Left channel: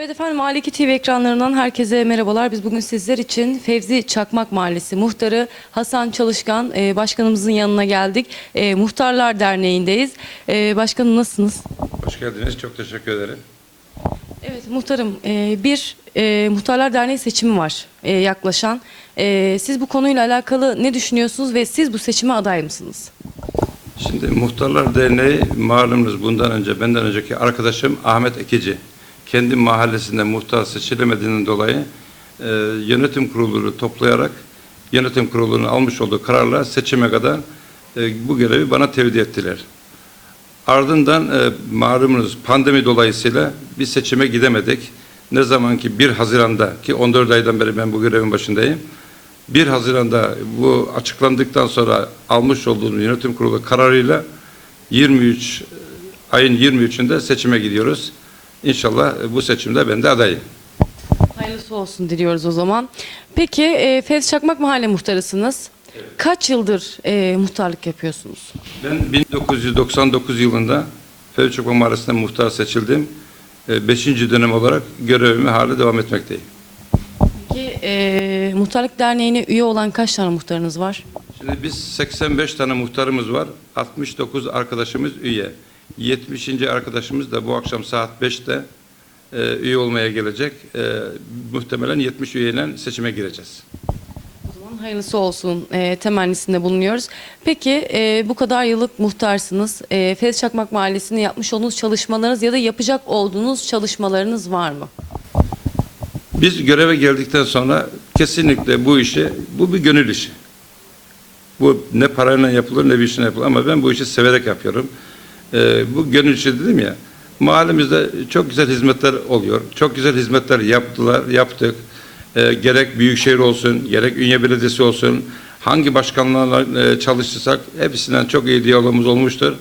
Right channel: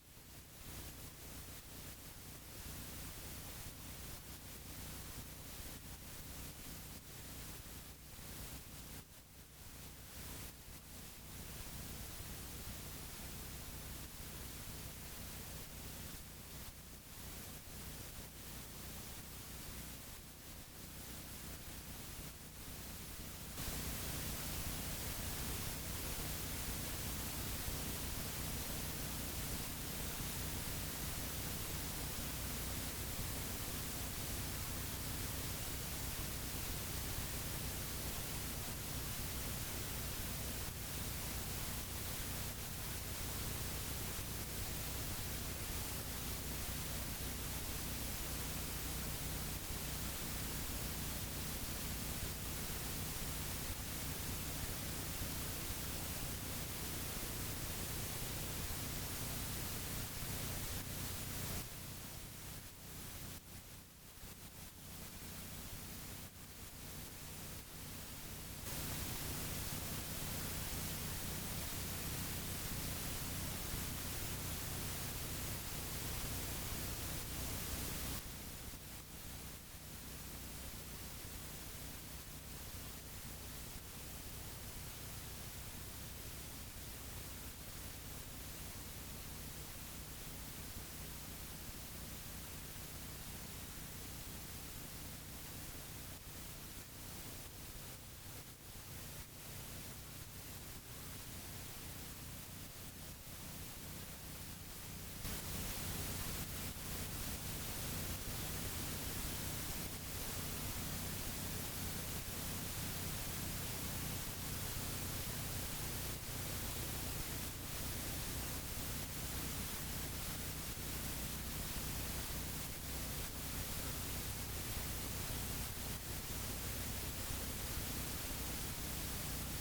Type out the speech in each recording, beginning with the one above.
A2 TV ekranlarından herkese merhabalar. Biz bugün sizler için Fevzi Çakmak Mahallesi muhtarı Hasan Çalışkan e, başkanımızın yanına geldik. E, Muhtarlar Derneği'ndeyiz. E, başkanım nasılsınız? Hoş geldiniz. Çok teşekkür ederim. Evet muhtarım e, bir e, Muhtarlar Derneği seçimi var e, yaklaşan. E, siz bu konuyla alakalı ne düşünüyorsunuz ve siz bu seçime aday mısınız? Şimdi Muhtarlar Derneği malumunuz bundan önce benden önceki arkadaşım Ahmet Ekici kendi mahallesinde muhtar seçilemediğinden dolayı e, yönetim kurulunu toplayarak yönetim kurulunun almış olduğu kararla seçime kadar e, bu görevi bana tevdi ettiler. Ardından e, malumunuz pandemi dolayısıyla bir seçime gidemedik. Ne zaman ki 1 Haziran'da ki 14 aydan beri ben bu görevin başındayım. 1 Haziran'da bu açıklandıktan sonra almış olduğumuz yönetim kurulu kararıyla 23 ayın 23'ünde seçime gidiyoruz. İnşallah bu seçimde ben de adayım. Hayırlısı olsun diliyoruz o zaman. Peki e, Fevzi Çakmak Mahalle muhtarısınız. Kaç yıldır e, muhtarlık yapıyorsunuz? Ben 1999 yılında Fevçokma Mahallesi'nde muhtar seçildim. 5. dönem olarak görevimi hala devam etmekteyim. Peki e, Muhtarlık Derneği'ne üye olan kaç tane muhtarınız var? Şimdi biz 85 tane muhtarımız var. 69 arkadaşımız üye. 70. arkadaşımız da bu akşam saat 5'te e, üye olmaya gelecek. E, muhtemelen 70 üyeyle seçime gireceğiz. O zaman hayırlısı olsun e, temennisinde bulunuyoruz. Peki e, bu kadar yıllık muhtarsınız. E, Fevzi Çakmak Mahallesi'nde yapmış olduğunuz çalışmalarınız ya da yapacak olduğunuz çalışmalarınız var mı? Biz göreve geldikten sonra kesinlikle bu işi, bu bir gönül işi. Bu ne parayla yapılır ne bir işine yapılır ama ben bu işi severek yapıyorum. Ee, bu gönül işi dedim ya, mahallemizde çok güzel hizmetler oluyor. Çok güzel hizmetler yaptılar, yaptık. Ee, gerek Büyükşehir olsun, gerek Ünye Belediyesi olsun, hangi başkanlarla e, çalıştıysak hepsinden çok iyi diyalogumuz olmuştur.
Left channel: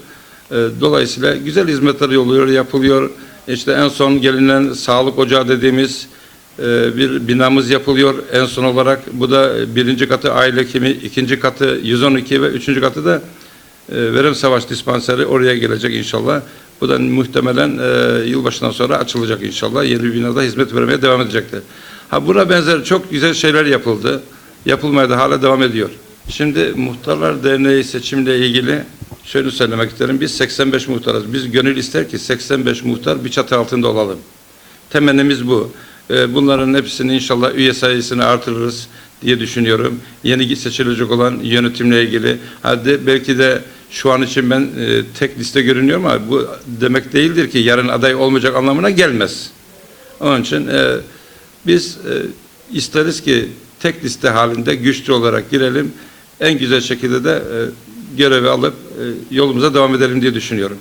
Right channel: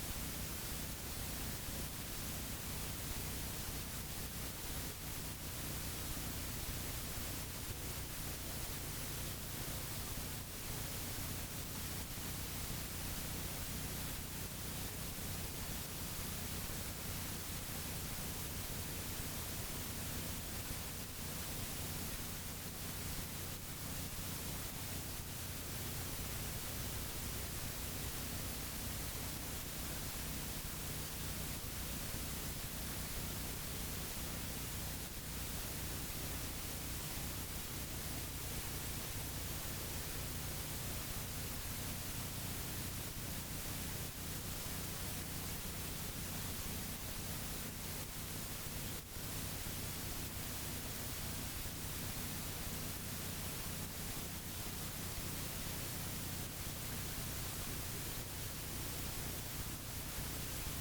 Ee, dolayısıyla güzel hizmetler oluyor, yapılıyor. İşte en son gelinen sağlık ocağı dediğimiz e, bir binamız yapılıyor en son olarak. Bu da birinci katı aile hekimi, ikinci katı 112 ve üçüncü katı da e, Verim Savaş Dispanseri oraya gelecek inşallah. Bu da muhtemelen e, yılbaşından sonra açılacak inşallah. Yeni bir binada hizmet vermeye devam edecektir. Ha buna benzer çok güzel şeyler yapıldı. Yapılmaya da hala devam ediyor. Şimdi Muhtarlar Derneği seçimle ilgili şöyle söylemek isterim. Biz 85 muhtarız. Biz gönül ister ki 85 muhtar bir çatı altında olalım. Temennimiz bu. Ee, Bunların hepsini inşallah üye sayısını artırırız diye düşünüyorum. Yeni seçilecek olan yönetimle ilgili. Hadi belki de şu an için ben e, tek liste görünüyorum ama bu demek değildir ki yarın aday olmayacak anlamına gelmez. Onun için e, biz e, isteriz ki tek liste halinde güçlü olarak girelim. En güzel şekilde de e, görevi alıp e, yolumuza devam edelim diye düşünüyorum.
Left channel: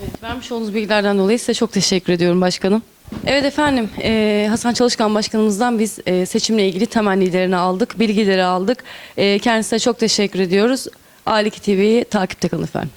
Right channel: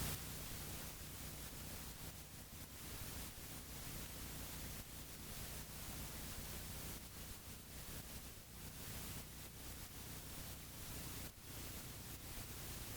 Evet, vermiş olduğunuz bilgilerden dolayı size çok teşekkür ediyorum başkanım. Evet efendim e, Hasan Çalışkan başkanımızdan biz e, seçimle ilgili temennilerini aldık, bilgileri aldık. E, kendisine çok teşekkür ediyoruz. A2 TV'yi takipte kalın efendim.